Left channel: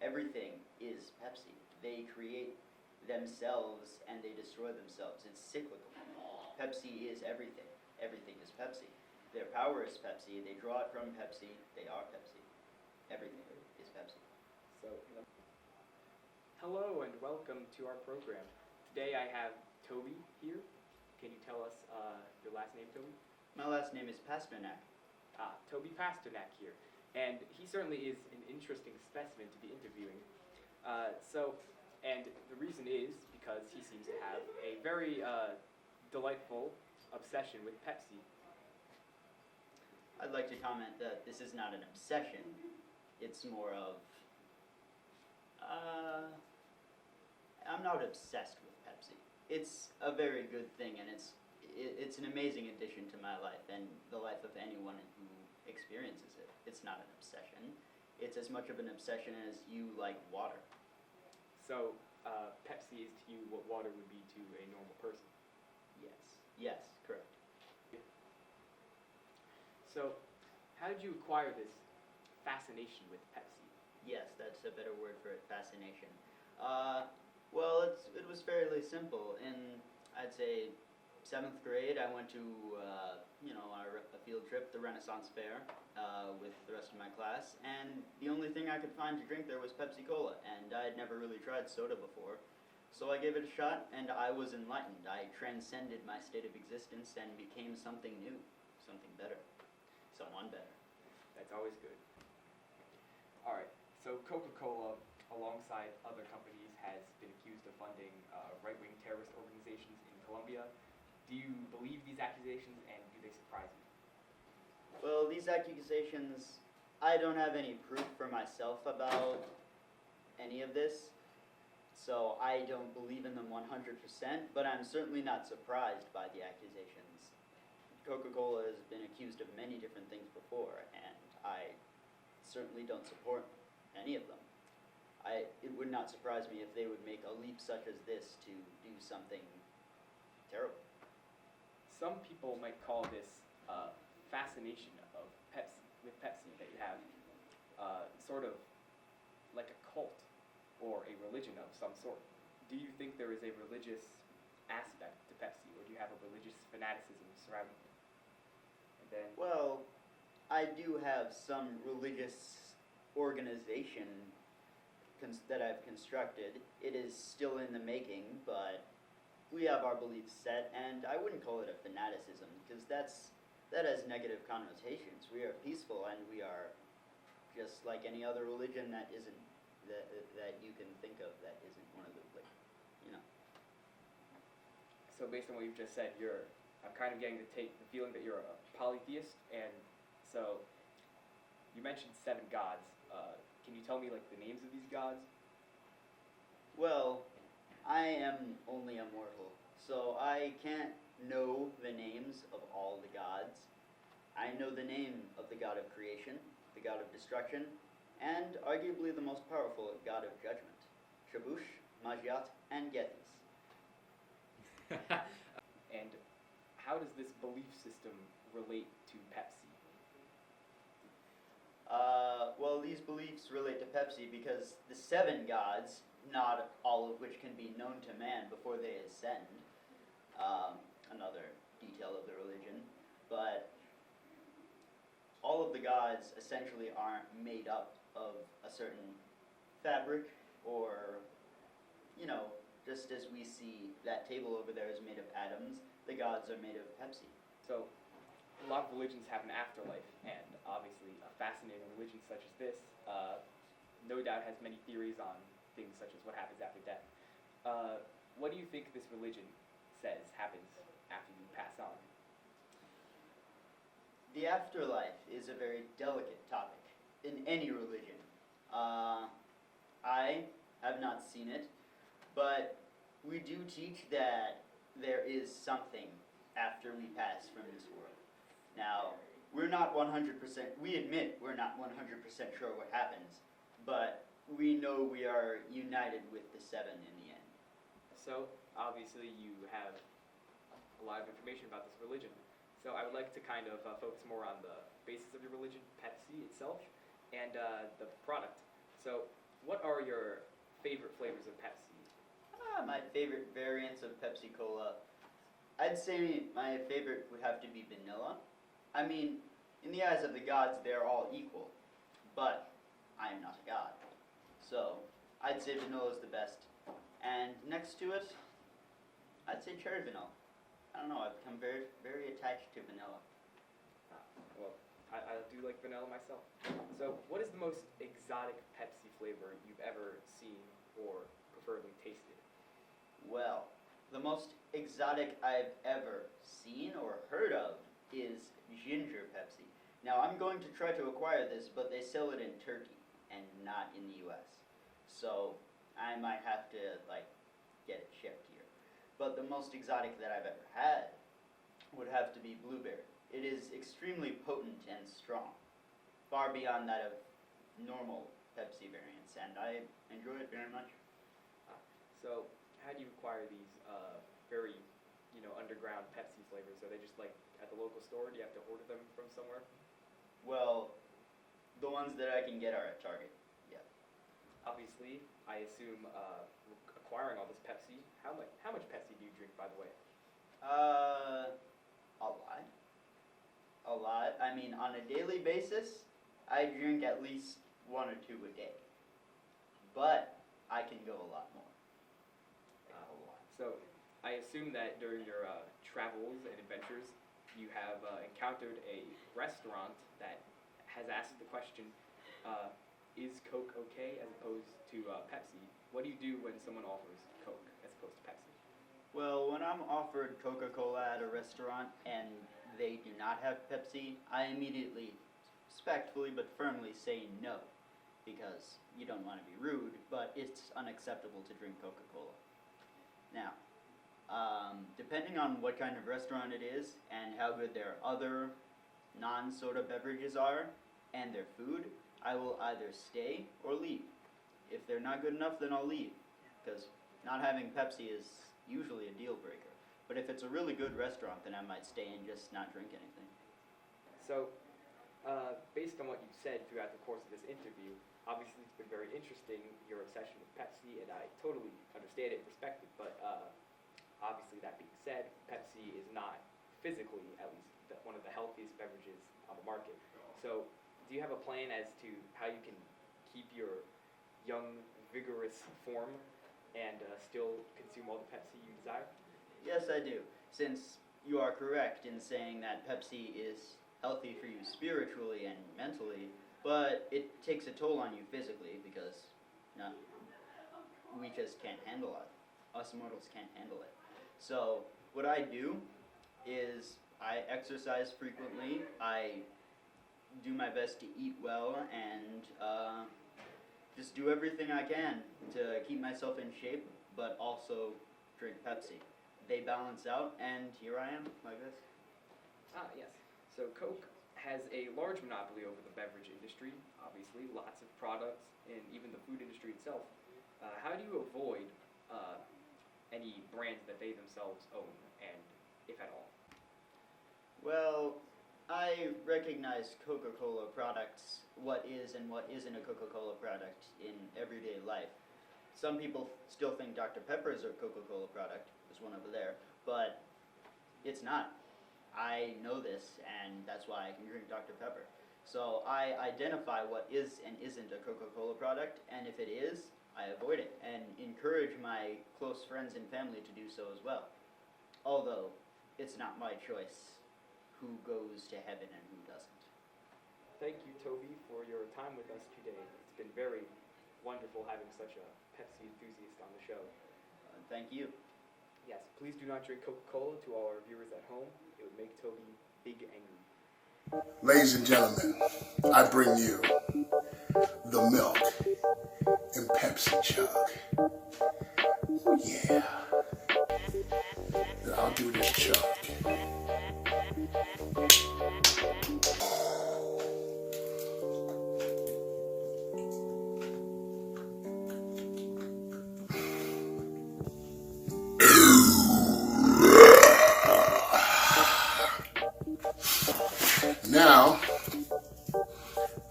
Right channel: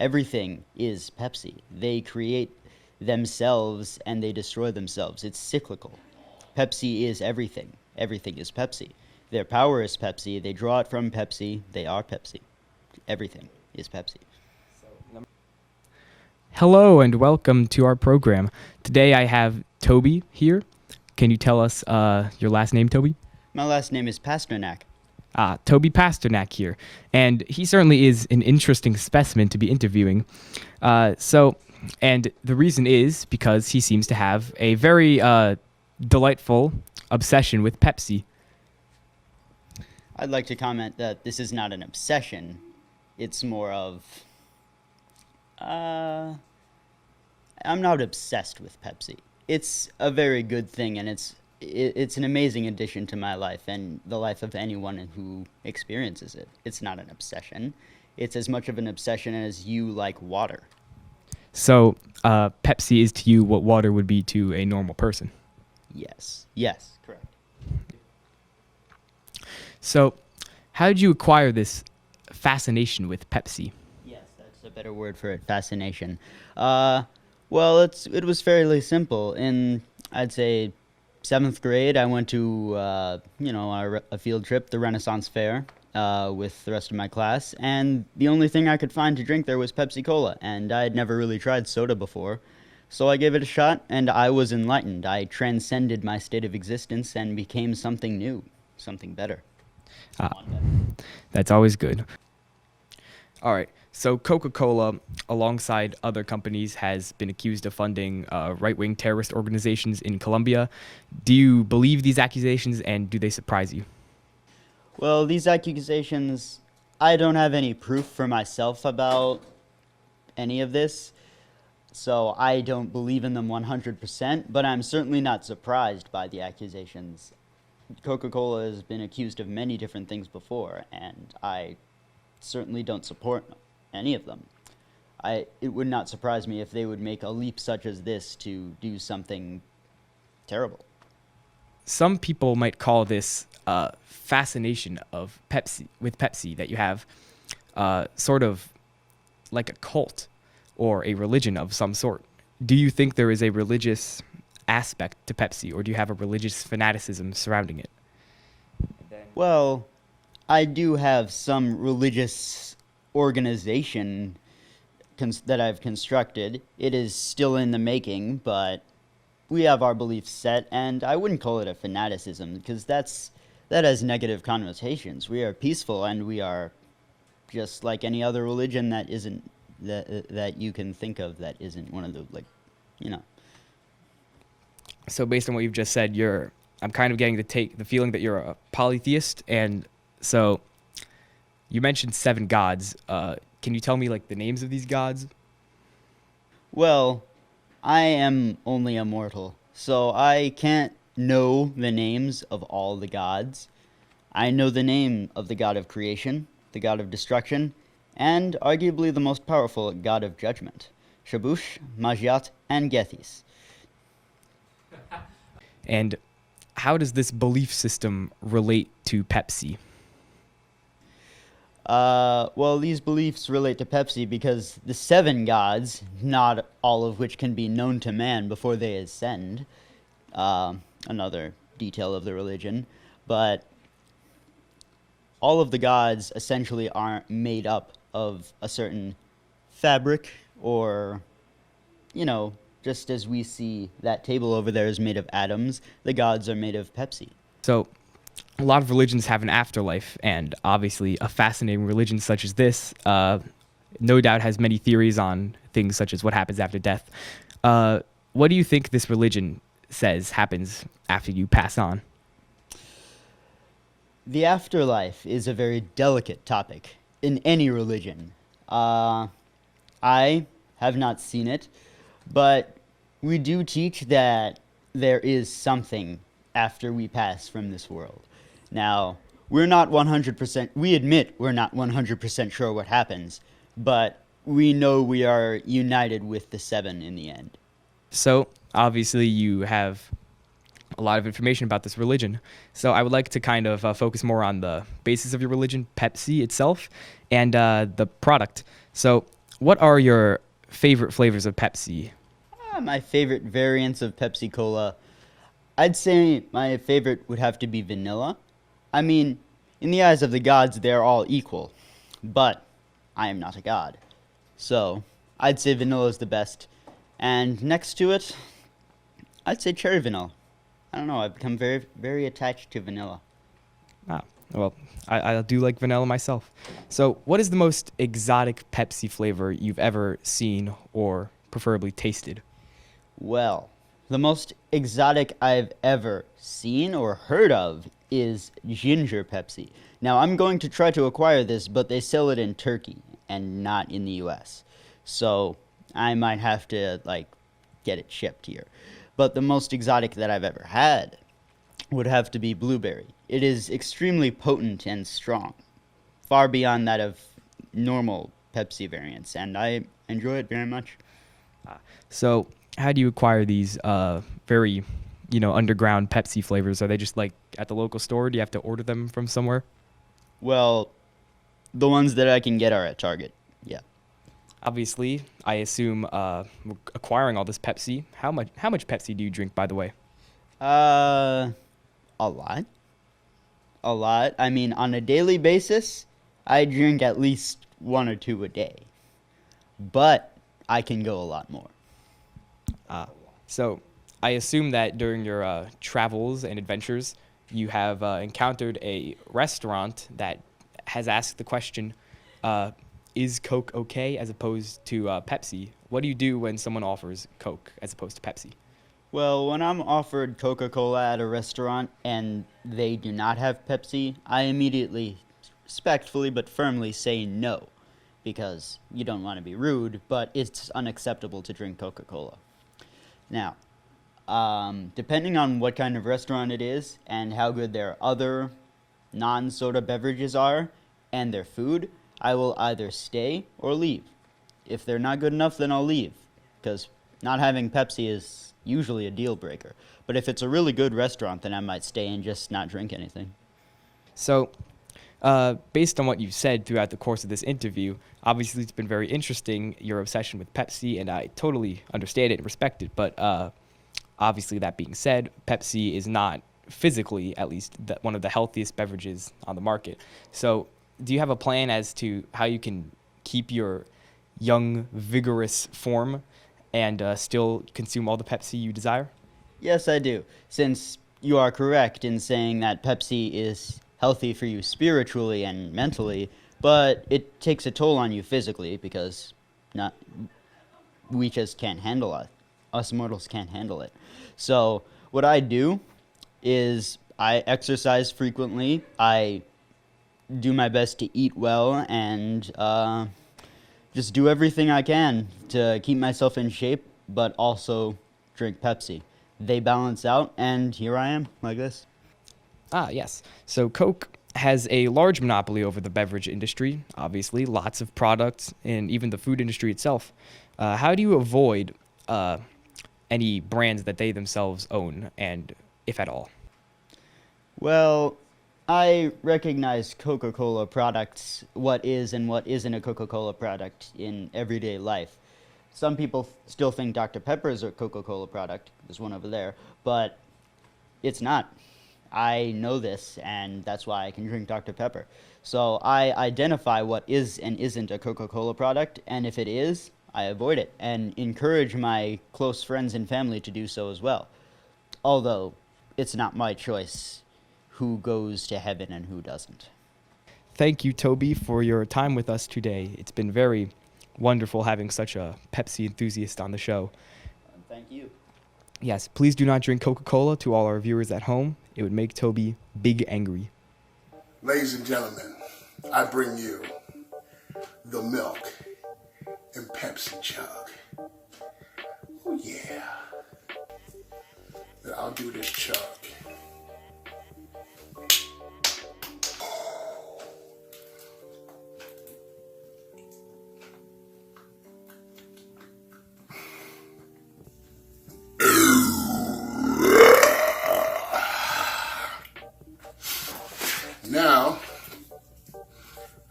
Everything is Pepsi. They create themselves and they destroy themselves. It's cyclical. Pepsi is everything. Everything is Pepsi. Their power is Pepsi. They draw it from Pepsi. They are Pepsi. Everything is Pepsi. Hello and welcome to our program. Today I have Toby here. Can you tell us your last name, Toby? My last name is Pasternak. Toby Pasternak here. And he certainly is an interesting specimen to be interviewing. And the reason is because he seems to have a very delightful obsession with Pepsi. I'd like to comment that this is not an obsession. It's more of... I'm not obsessed with Pepsi. It's a very good thing, and it's an amazing addition to my life and the life of anyone who experiences it. It's not an obsession. It's as much of an obsession as you like water. So Pepsi is to you what water would be to a normal person. Yes. Yes, correct. So how did you acquire this fascination with Pepsi? Yes, that's a better word for it, fascination. Well, it was fairly simple. In, I'd say, 7th grade, I went to, a field trip, the Renaissance Fair, with the rest of my class, and the only thing I could find to drink there was Pepsi Cola, and I had never really tried soda before. So I gave it a shot, and I was enlightened. I transcended my state of existence and became something new, something better. That's always good. All right. So Coca-Cola, alongside other companies, has been accused of funding right-wing terrorist organizations in Colombia. Do you believe these accusations, and do they surprise you? Well, these accusations, I don't have any proof for myself about any of this, so I don't believe in them 100%, but I'm certainly not surprised by the accusations. Coca-Cola has been accused of many different things before, and I certainly don't support any of them. It would not surprise me if they would make a leap such as this to do something terrible. Some people might call this fascination of Pepsi that you have sort of like a cult or a religion of some sort. Do you think there is a religious aspect to Pepsi, or do you have a religious fanaticism surrounding it? Well, I do have some religious organization that I've constructed. It is still in the making, but we have our beliefs set, and I wouldn't call it a fanaticism, because that has negative connotations. We are peaceful, and we are just like any other religion that isn't that you can think of that isn't one of the, So based on what you've just said, I'm kind of getting the feeling that you're a polytheist, and so you mentioned 7 gods. Can you tell me the names of these gods? Well, I am only a mortal, so I can't know the names of all the gods. I know the name of the god of creation, the god of destruction, and arguably the most powerful god of judgment, Shabush, Majat, and Gethys. And how does this belief system relate to Pepsi? Well, these beliefs relate to Pepsi because the 7 gods, not all of which can be known to man before they ascend, another detail of the religion, but all of the gods essentially aren't made up of a certain fabric or, just as we see that table over there is made of atoms, the gods are made of Pepsi. So a lot of religions have an afterlife, and obviously a fascinating religion such as this no doubt has many theories on things such as what happens after death. What do you think this religion says happens after you pass on? The afterlife is a very delicate topic in any religion. I have not seen it, but we do teach that there is something after we pass from this world. Now, we admit we're not 100% sure what happens, but we know we are united with the 7 in the end. So, obviously, you have a lot of information about this religion. So I would like to kind of focus more on the basis of your religion, Pepsi itself, and the product. So what are your favorite flavors of Pepsi? My favorite variants of Pepsi Cola, I'd say my favorite would have to be vanilla. I mean, in the eyes of the gods, they're all equal, but I am not a god. So, I'd say vanilla is the best. And next to it, I'd say cherry vanilla. I don't know, I've become very, very attached to vanilla. Ah, well, I do like vanilla myself. So, what is the most exotic Pepsi flavor you've ever seen or preferably tasted? Well, the most exotic I've ever seen or heard of is ginger Pepsi. Now, I'm going to try to acquire this, but they sell it in Turkey and not in the US. So, I might have to, get it shipped here. But the most exotic that I've ever had would have to be blueberry. It is extremely potent and strong, far beyond that of normal Pepsi variants, and I enjoy it very much. So, how do you acquire these very, underground Pepsi flavors? Are they just like at the local store? Do you have to order them from somewhere? Well, the ones that I can get are at Target. Yeah. Obviously, I assume acquiring all this Pepsi. How much Pepsi do you drink, by the way? A lot. A lot. I mean, on a daily basis, I drink at least one or two a day. But I can go a lot more. So, I assume that during your travels and adventures, you have encountered a restaurant that has asked the question, is Coke okay as opposed to Pepsi? What do you do when someone offers Coke as opposed to Pepsi? Well, when I'm offered Coca-Cola at a restaurant and they do not have Pepsi, I immediately, respectfully but firmly say no. Because you don't want to be rude, but it's unacceptable to drink Coca-Cola. Now, depending on what kind of restaurant it is and how good their other non-soda beverages are and their food, I will either stay or leave. If they're not good enough, then I'll leave, because not having Pepsi is usually a deal breaker. But if it's a really good restaurant, then I might stay and just not drink anything. So, based on what you've said throughout the course of this interview, obviously it's been very interesting, your obsession with Pepsi, and I totally understand it and respect it. But obviously, that being said, Pepsi is not physically, at least, one of the healthiest beverages on the market. So, do you have a plan as to how you can keep your young, vigorous form and still consume all the Pepsi you desire? Yes, I do. Since you are correct in saying that Pepsi is healthy for you spiritually and mentally, but it takes a toll on you physically because not we just can't handle it. Us mortals can't handle it. So what I do is I exercise frequently. I do my best to eat well and just do everything I can to keep myself in shape, but also drink Pepsi. They balance out, and here I am, like this. Ah, yes. So Coke has a large monopoly over the beverage industry, obviously, lots of products, and even the food industry itself. How do you avoid any brands that they themselves own, and if at all? Well, I recognize Coca-Cola products, what is and what isn't a Coca-Cola product in everyday life. Some people still think Dr. Pepper is a Coca-Cola product. There's one over there, but it's not. I know this, and that's why I can drink Dr. Pepper. So I identify what is and isn't a Coca-Cola product, and if it is, I avoid it, and encourage my close friends and family to do so as well. Although, it's not my choice who goes to heaven and who doesn't. Thank you, Toby, for your time with us today. It's been very wonderful having such a Pepsi enthusiast on the show. Thank you. Yes, please do not drink Coca-Cola to all our viewers at home. It would make Toby big angry. Ladies and gentlemen, I bring you the milk and Pepsi chug. Oh yeah. I'll do this chug. Now,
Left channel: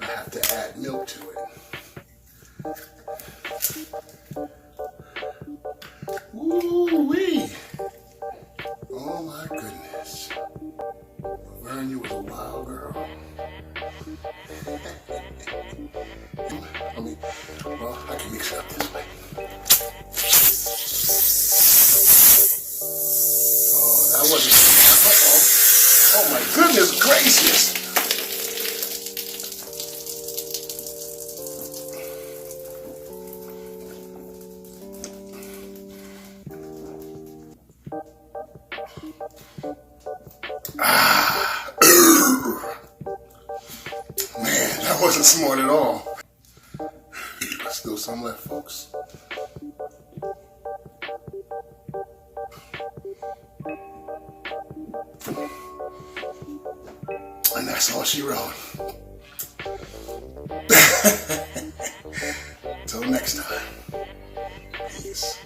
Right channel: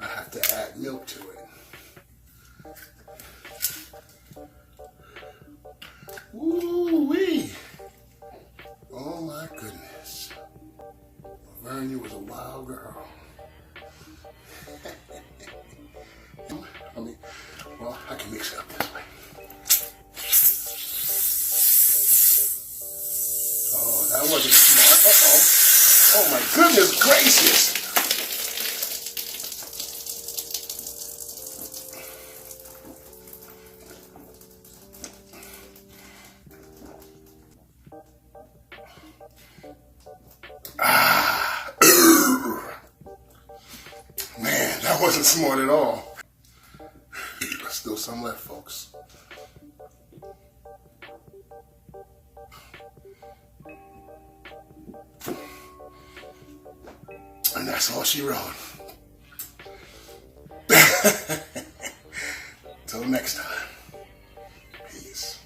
I have to add milk to it. Ooh-wee. Oh my goodness. Laverne, you was a wild girl. Well, I can mix it up this way. Oh, that wasn't smart. Uh-oh. Oh my goodness gracious. Man, that wasn't smart at all. Still some left, folks. And that's all she wrote. Till next time. Peace.